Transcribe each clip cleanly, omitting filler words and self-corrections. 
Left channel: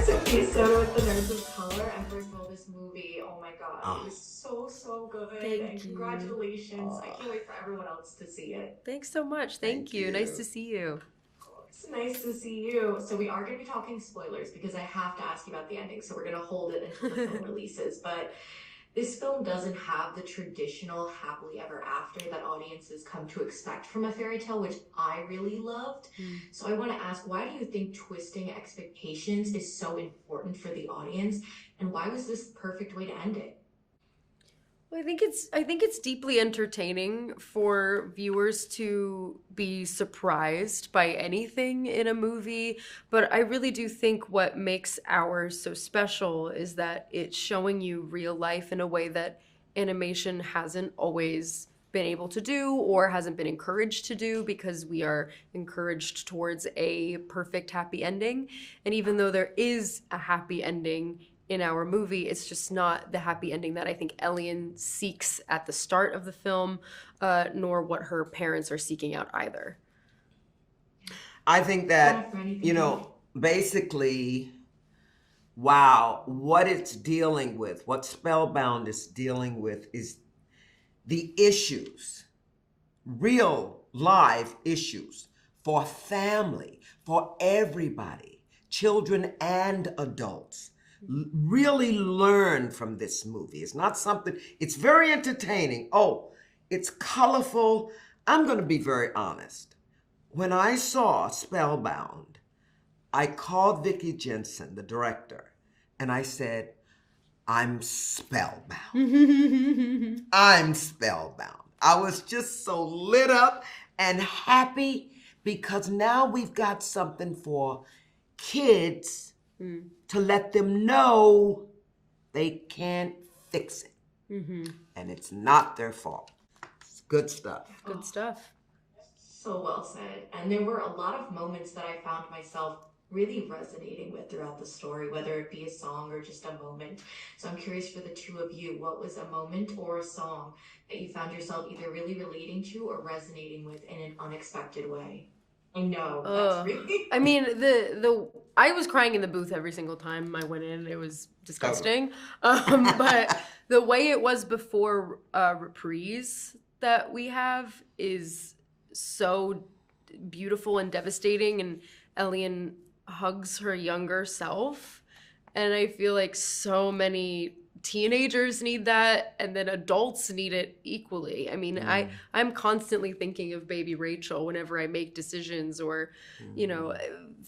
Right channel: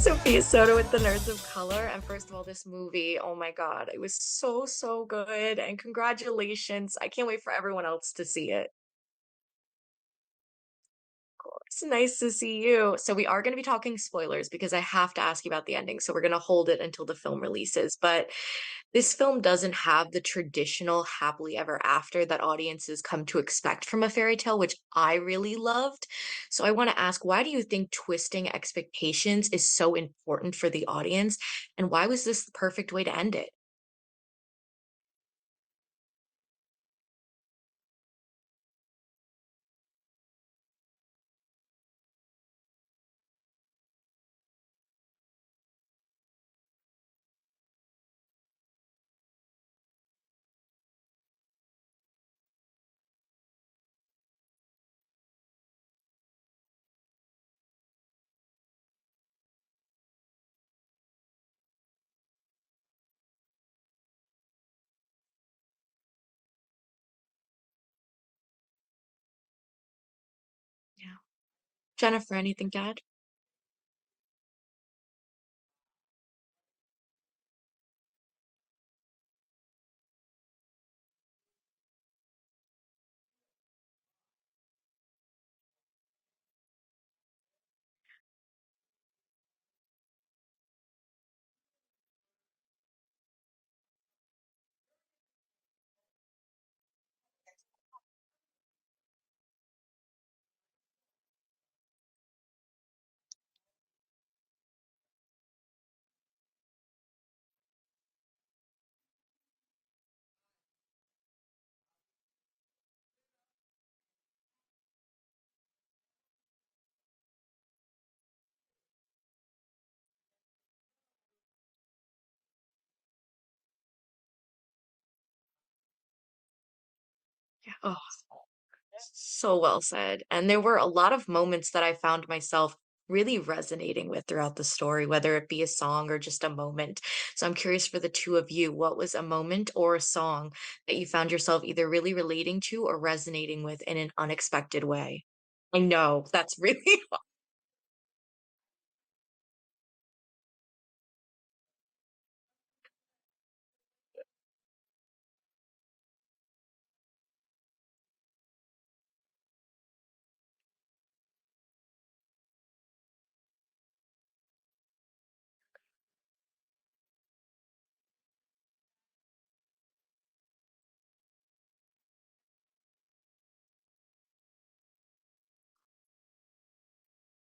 Sophia Soda with the Nerds of Color. And first of all, this movie, oh my God, it was so good. And congratulations. I can't wait for everyone else to see it. Thanks so much. Thank you. Nice to see you. Of course. Nice to see you. So we are going to be talking spoilers because I have to ask you about the ending. So we're going to hold it until the film releases. But this film doesn't have the traditional happily ever after that audiences come to expect from a fairy tale, which I really loved. So I want to ask, why do you think twisting expectations is so important for the audience? And why was this the perfect way to end it? Well, I think it's deeply entertaining for viewers to be surprised by anything in a movie, but I really do think what makes ours so special is that it's showing you real life in a way that animation hasn't always been able to do or hasn't been encouraged to do, because we are encouraged towards a perfect happy ending. And even though there is a happy ending in our movie, it's just not the happy ending that I think Ellian seeks at the start of the film, nor what her parents are seeking out either. I think that, Jenifer, anything basically, wow, what it's dealing with, what Spellbound is dealing with is the issues, real live issues for family, for everybody, children and adults. Really learn from this movie. It's not something, it's very entertaining. Oh, it's colorful. I'm going to be very honest. When I saw Spellbound, I called Vicky Jenson, the director, and I said, I'm spellbound. I'm spellbound. I was just so lit up and happy because now we've got something for kids to let them know they can't fix it. And it's not their fault. It's good stuff. Yeah, good stuff. So well said. And there were a lot of moments that I found myself really resonating with throughout the story, whether it be a song or just a moment. So I'm curious for the two of you, what was a moment or a song that you found yourself either really relating to or resonating with in an unexpected way? I know that's really. I mean, I was crying in the booth every single time I went in. It was disgusting. But the way it was before Reprise that we have is so beautiful and devastating. And Ellian hugs her younger self. And I feel like so many teenagers need that, and then adults need it equally. I mean, I'm constantly thinking of baby Rachel whenever I make decisions or,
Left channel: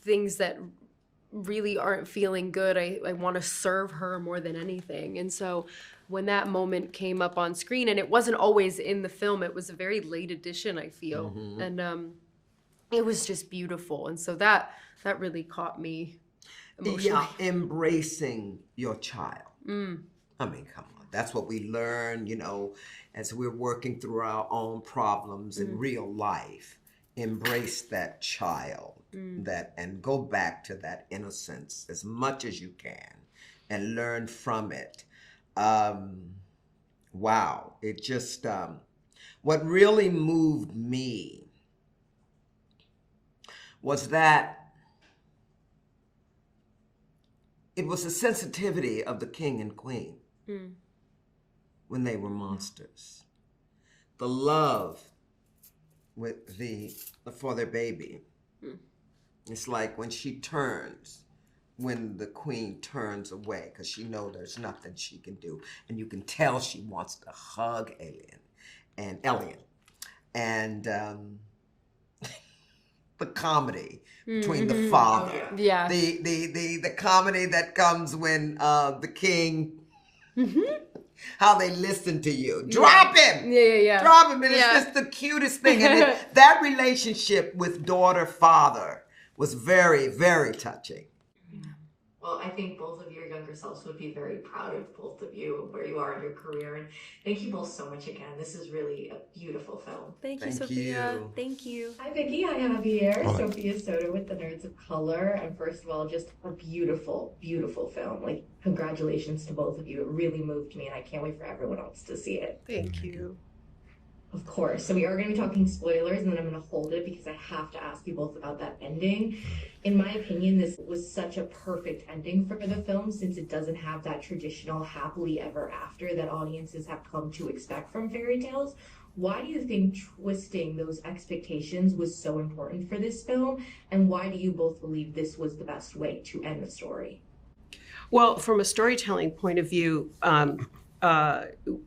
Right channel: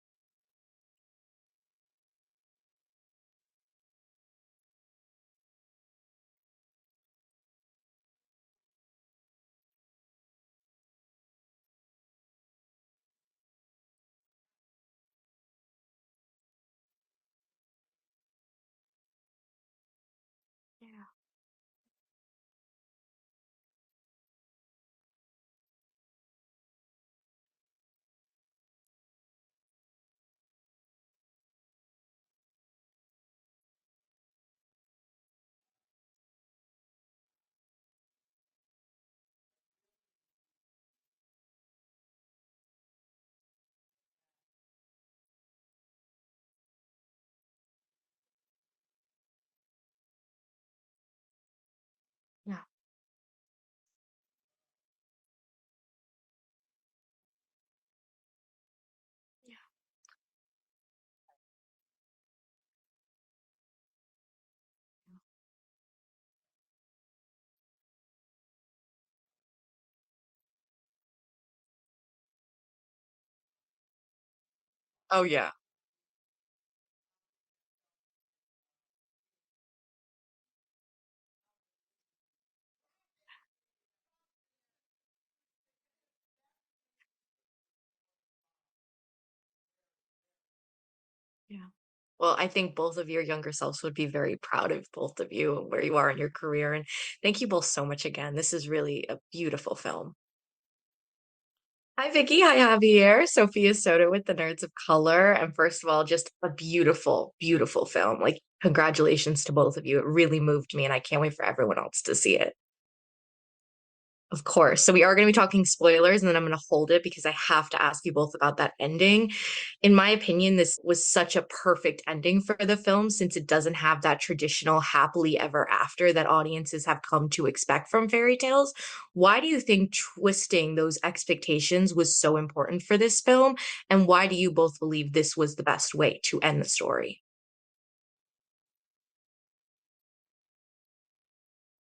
things that really aren't feeling good. I want to serve her more than anything. And so when that moment came up on screen, and it wasn't always in the film, it was a very late edition, I feel. And it was just beautiful. And so that really caught me emotionally. Yeah, embracing your child. I mean, come on. That's what we learn, as we're working through our own problems in real life. Embrace that child, and go back to that innocence as much as you can and learn from it. Wow. It just, what really moved me was that it was the sensitivity of the king and queen when they were monsters. The love for their baby. It's like when the queen turns away because she knows there's nothing she can do. And you can tell she wants to hug Ellian. And the comedy between the father. Oh, yeah. Yeah. The comedy that comes when the king, how they listen to you. Drop him! Yeah. Drop him, and it's just the cutest thing. And that relationship with daughter-father was very, very touching. Well, I think both of your younger selves would be very proud of both of you, where you are in your career. And thank you both so much again. This is really a beautiful film. Thank you, Sophia. Thank you. Hi, Vicky. Hi, Javier. Sophia Soda with the Nerds of Color. And first of all, just a beautiful, beautiful film. Like, congratulations to both of you. It really moved me, and I can't wait for everyone else to see it. Thank you. Of course. So we are going to be talking spoilers, and then I'm going to hold it because I have to ask you both about that ending. In my opinion, this was such a perfect ending for the film since it doesn't have that traditional happily ever after that audiences have come to expect from fairy tales. Why do you think twisting those expectations was so important for this film? And why do you both believe this was the best way to end the story? Well, from a storytelling point of view, uh,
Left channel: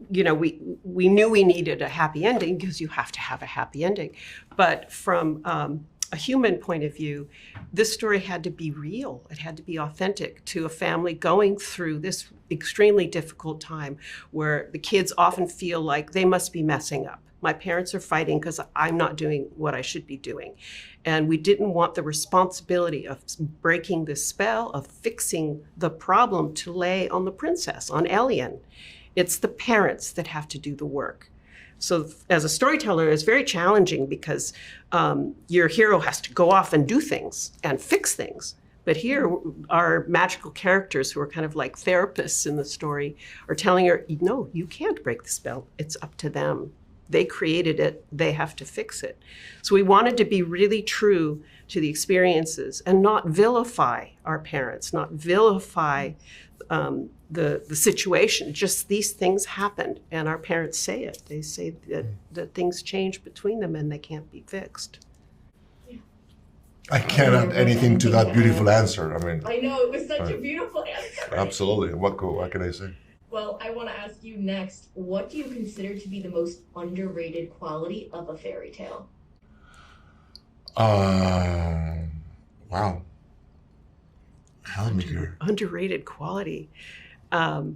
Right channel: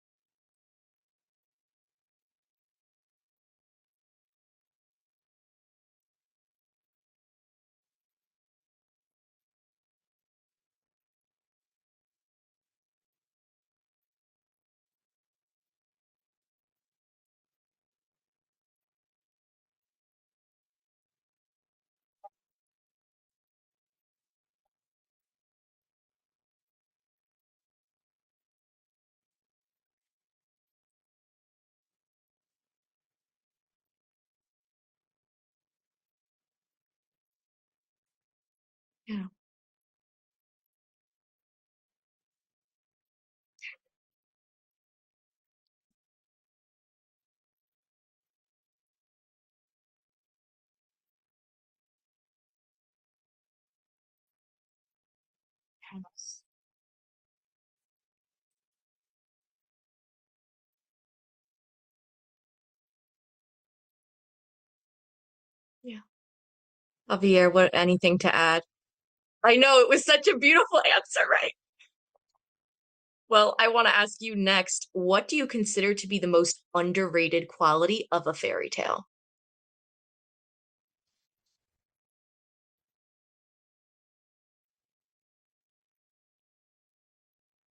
we knew we needed a happy ending because you have to have a happy ending. But from a human point of view, this story had to be real. It had to be authentic to a family going through this extremely difficult time where the kids often feel like they must be messing up. My parents are fighting because I'm not doing what I should be doing. And we didn't want the responsibility of breaking the spell, of fixing the problem to lay on the princess, on Elian. It's the parents that have to do the work. So as a storyteller, it's very challenging because your hero has to go off and do things and fix things. But here, our magical characters, who are kind of like therapists in the story, are telling her, no, you can't break the spell. It's up to them. They created it. They have to fix it. So we wanted to be really true to the experiences and not vilify our parents, not vilify the situation. Just these things happened, and our parents say it. They say that things change between them and they can't be fixed. Yeah. I can't add anything to that beautiful answer. I know, it was such a beautiful answer, right? Absolutely. What can I say? Well, I want to ask you next, what do you consider to be the most underrated quality of a fairy tale? Wow. Help me here. Underrated quality. Well,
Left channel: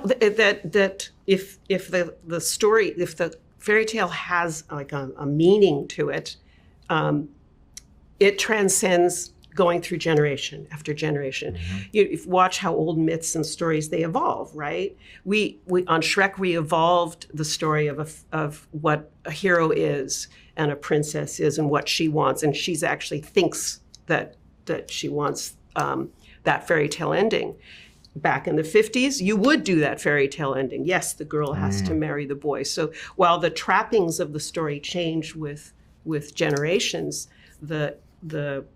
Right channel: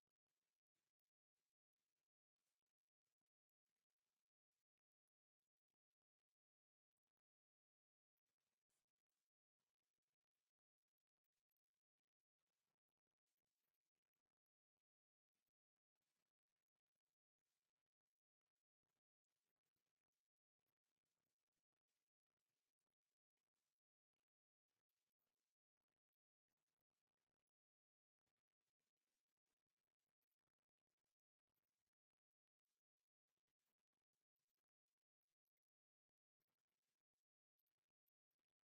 that if the story, if the fairy tale has like a meaning to it, it transcends going through generation after generation. Mm-hmm. You watch how old myths and stories, they evolve, right? We on Shrek, we evolved the story of what a hero is and a princess is and what she wants, and she's actually thinks that she wants that fairy tale ending. Back in the 50s, you would do that fairy tale ending. Yes, the girl has to marry the boy. So while the trappings of the story change with generations, the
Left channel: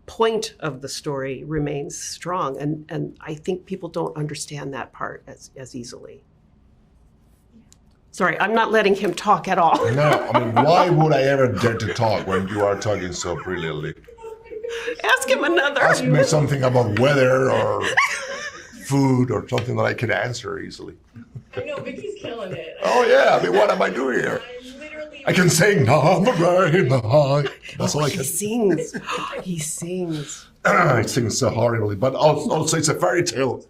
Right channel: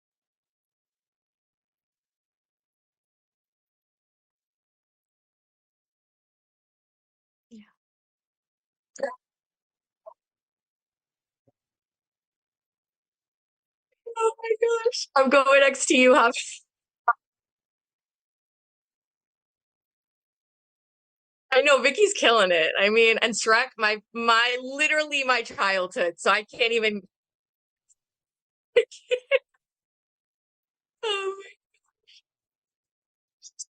point of the story remains strong. And I think people don't understand that part as easily. Yeah. Sorry, I'm not letting him talk at all. No, why would I ever dare to talk when you are talking so brilliantly? Oh my gosh. Ask him another. Ask me something about weather or food or something that I can answer easily. I know, Vicky's killing it. What am I doing here? I can sing. That's all I can. He sings. He sings. He sings so horribly, but also it's a fairy tale.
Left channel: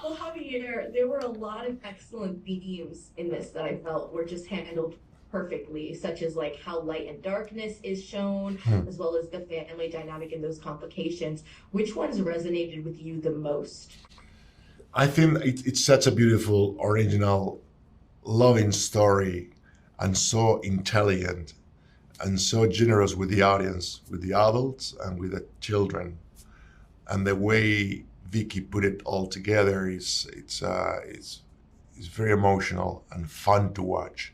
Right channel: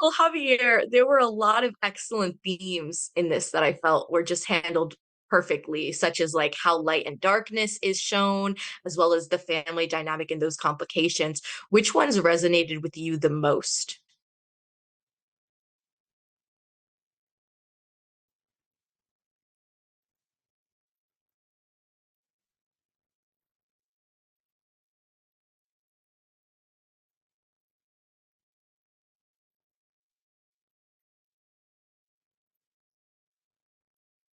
Well, Javier, there were a lot of excellent themes in this that I felt were just handled perfectly, such as like how light and darkness is shown, as well as the family dynamic and those complications. Which ones resonated with you the most? I think it's such a beautiful, original, loving story, and so intelligent, and so generous with the audience, with the adults and with the children. And the way Vicky put it all together is very emotional and fun to watch.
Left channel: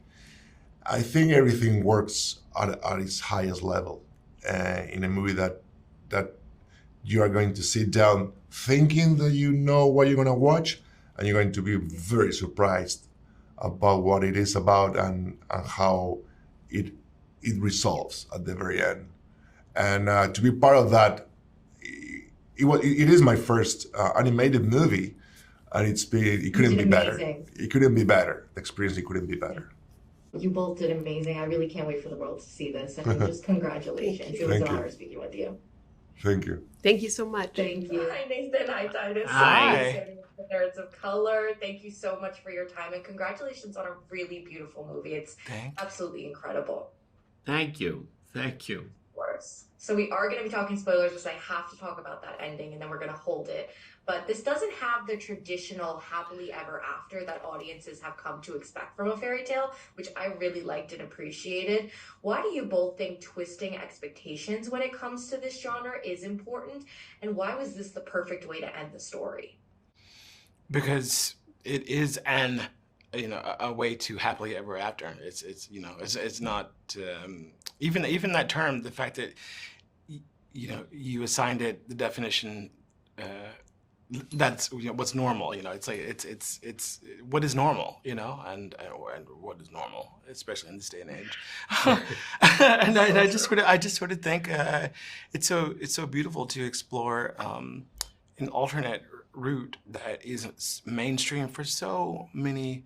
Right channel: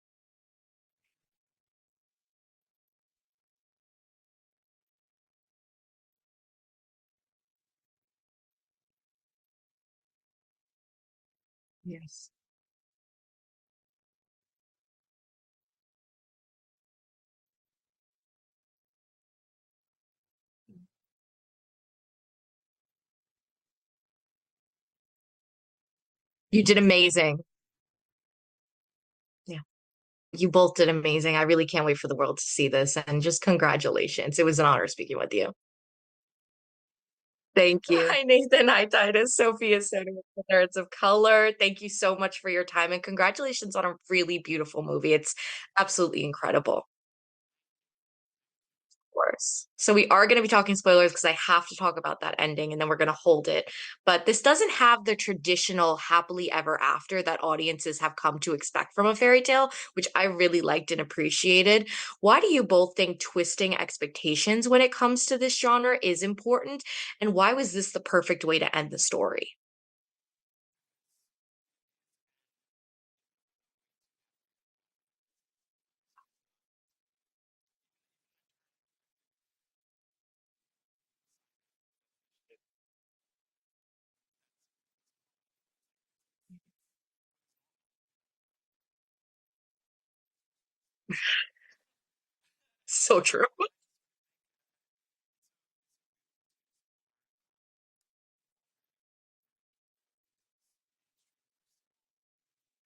I think everything works at its highest level in a movie that you are going to sit down thinking that you know what you're going to watch, and you're going to be very surprised about what it is about and how it resolves at the very end. And to be part of that, it is my first animated movie, and you did amazing. It couldn't be better. The experience, it couldn't be better. Yeah. You both did amazing. I really can't wait for the world to see this, and just congratulations. It was an honor speaking with you. Thank you. Thank you so much. Thank you. Hi, Nathan. Hi, Tituss. Sophia, the Nerds of Color. Thank you so much for your time, and congratulations on a really beautiful movie. It's absolutely incredible. Thank you. Thank you. Of course. So we are going to be talking spoilers because I have to talk about that ending, and then we're going to hold it. But this doesn't have the traditional happily ever after that audiences have come to expect from a fairy tale, which I really liked and appreciated. Why do you both think twisting expectations when it comes to this genre is important? And why was this the perfect way to end the story? Because it is an a way to happily ever after. It's not even that term. The fact that you assigned it the definition. That's what's normal. It's like it's what is normal. And what is normal, especially in this day and age. And So I just sort of think it's so beautiful to explore an alternate route that isn't mainstream for so many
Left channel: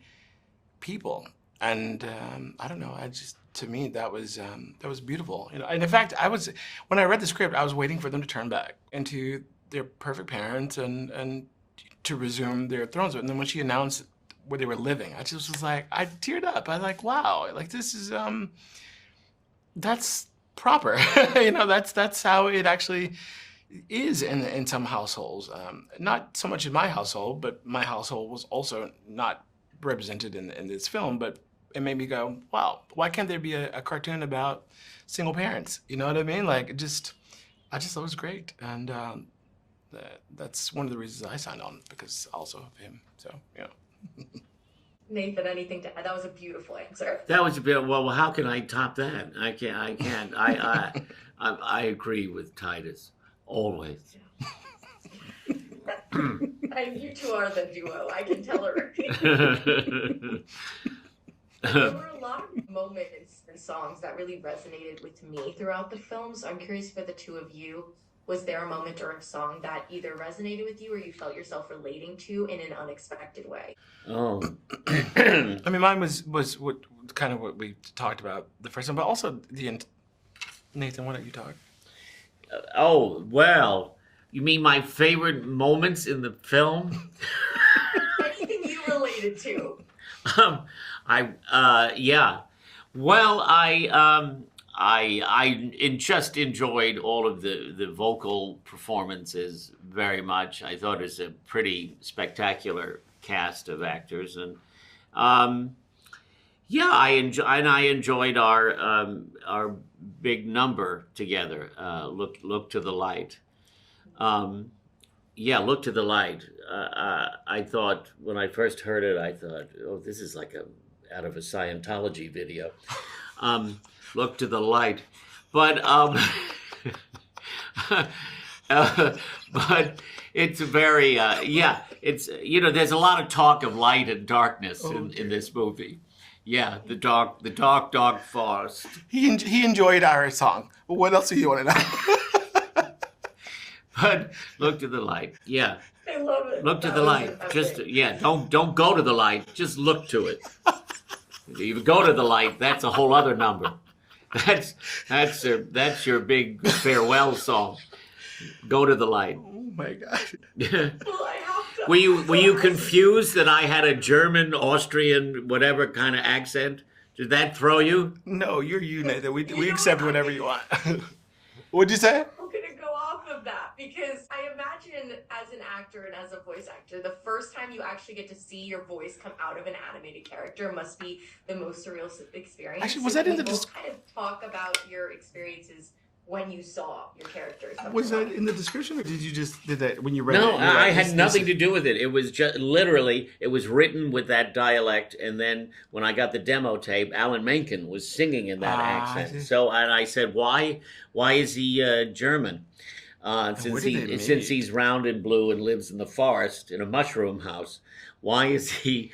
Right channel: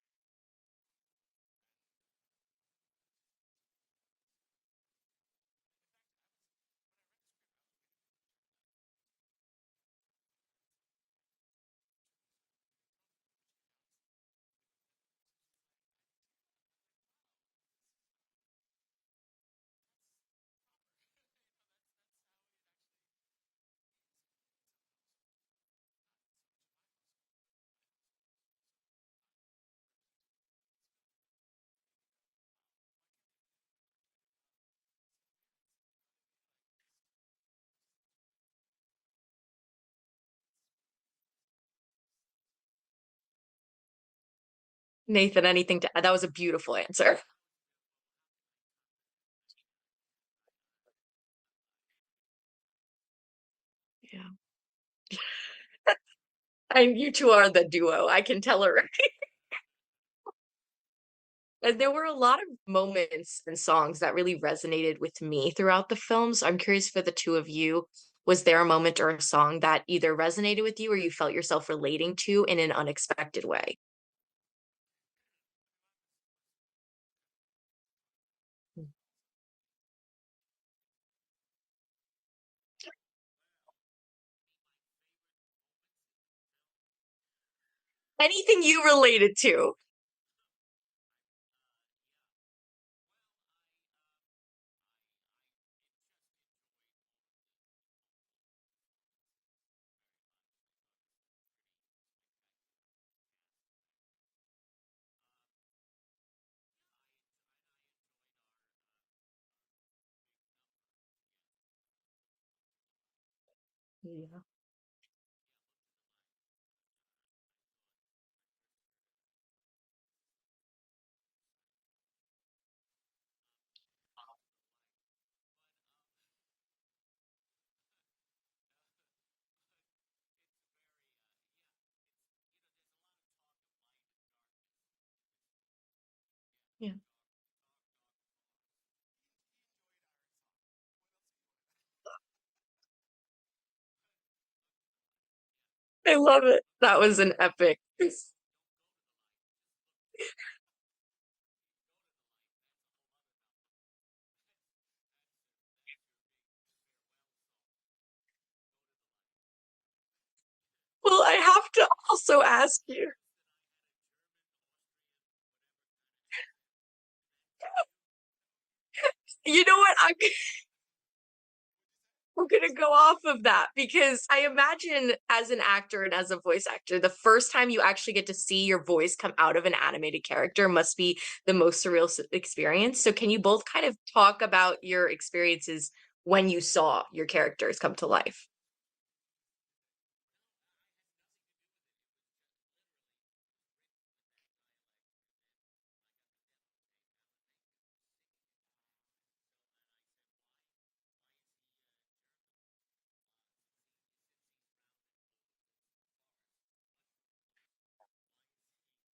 people. And I don't know. To me that was beautiful. And in fact, when I read the script, I was waiting for them to turn back into their perfect parents and to resume their thrones. And then when she announced where they were living, I just was like, I teared up. I was like, wow, like this is that's proper. That's how it actually is in some households. Not so much in my household, but my household was also not represented in this film. But it made me go, wow, why can't there be a cartoon about single parents? You know what I mean? Like I just thought it was great. And that's one of the reasons I signed on, because also of him. So yeah. Nathan, anything to add? That was a beautiful answer. That was a bit. Well, how can I top that? I can't. I agree with Tituss always. Yeah. And you two are the duo. I can tell already. But there were a lot of moments and songs that really resonated with me throughout the film. So I'm curious for the two of you. Was there a moment or a song that either resonated with you or you felt yourself relating to in an unexpected way? Oh, I mean, mine was what kind of what we talked about the first time, but also Nathan, why don't you talk? oh well. You mean my favorite moments in the film? Anything you related to? Yeah. Well, I just enjoyed all of the vocal performances very much. I thought it was a pretty spectacular cast of actors, and yeah, I enjoyed our big number together. Look to the light. Yeah, Look to the Light. I thought when I first heard it, I thought, oh, this is like out of a Scientology video. Look to the light, but but it's very yeah. It's there's a lot of talk of light and darkness in this movie. Yeah, the dark forest. He enjoyed our song. Well, what else do you want to know? But look to the light. Yeah. I love it. Look to That the was light. an epic. Don't go to the light. Just look to it. If you go to the light, that's a whole other number. That's your big farewell song. Go to the light. Oh my God. Well, I have to. Were you also ask confused that I had a German, Austrian, whatever kind of accent? Did that throw you? No, you're you, Nathan. We You know accept what? whatever you want. What'd you say? We're going to go off of that because I imagine as an actor and as a voice actor, the first time you actually get to see your voice come out of an animated character must be the most surreal experience. Actually, So was that can in you the both kind of talk about your experiences when you saw your characters come to Was that life? in the description, or did that when you read it? No, you were I like, had this nothing is- to do with it. It was just literally, it was written with that dialect, and then when I got the demo tape, Alan Menken was singing in that I see. accent. So, and I said, why is he German? where Since did they since meet? he's round and blue and lives in the forest in a mushroom house, why is he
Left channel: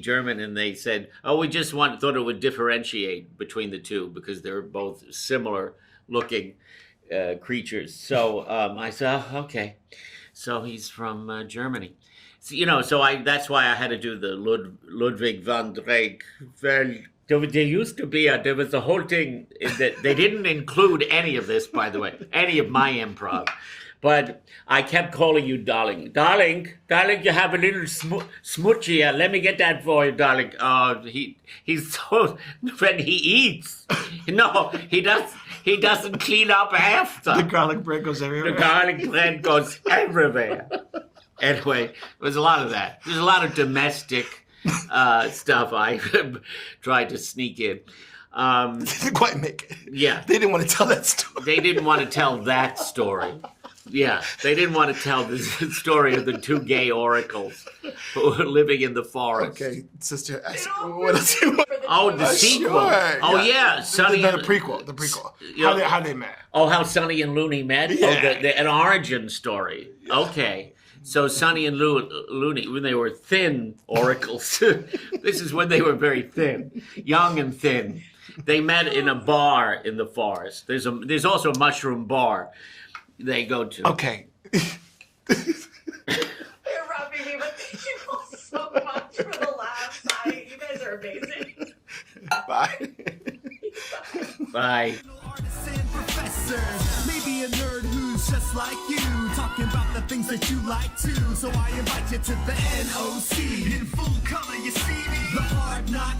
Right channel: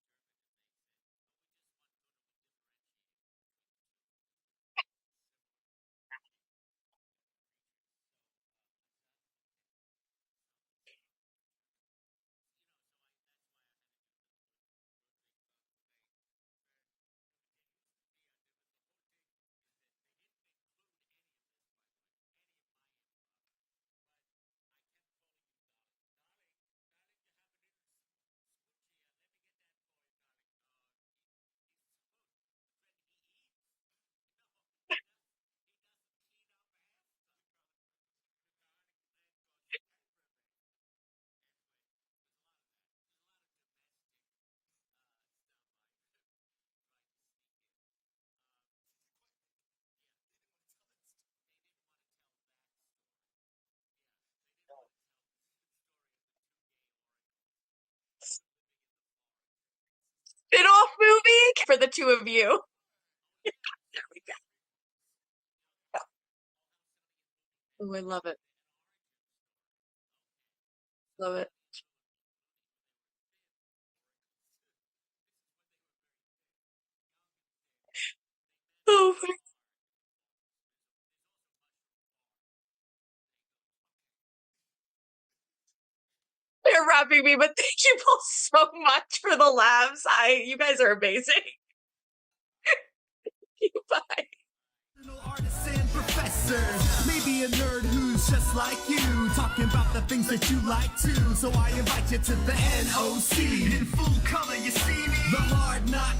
German? And they said, oh, we just thought it would differentiate between the two because they're both similar looking creatures. So I said, oh, okay, so he's from Germany. So, that's why I had to do the Ludwig van Drake. Well, there used to be there was a whole thing that they didn't include any of this, by the way, any of my improv. But I kept calling you darling. Darling, you have a little smoochie here. Let me get that for you, darling. He's so, when he eats, no, he doesn't clean up after. The garlic bread goes everywhere. The garlic bread goes everywhere. Anyway, there was a lot of that. There's a lot of domestic stuff I tried to sneak in. Didn't quite make it. Yeah. They didn't want to tell that story. They didn't want to tell that story. Yeah, they didn't want to tell the story of the two gay oracles who were living in the forest. Okay, sister. Spin-off movie for the two Oh, of the you. sequel. Sure, Oh, yeah, Sonny the and- prequel. The prequel. Yeah. How they met. Oh, how Sonny and Looney met? Yeah. Oh, an origin story. Okay. So Sonny and Looney, when they were thin oracles, this is when they were very thin, young and thin. They met in a bar in the forest. There's also a mushroom bar they go to. Okay. They're wrapping me, but thank you both so much for the laughs. You guys are amazing. Bye. Bye. Bye. Artists and professors, maybe a nerd who's just like you, talking about the things that you like too. So I invite you to the NOC. In full color, you see me. The Hard Knock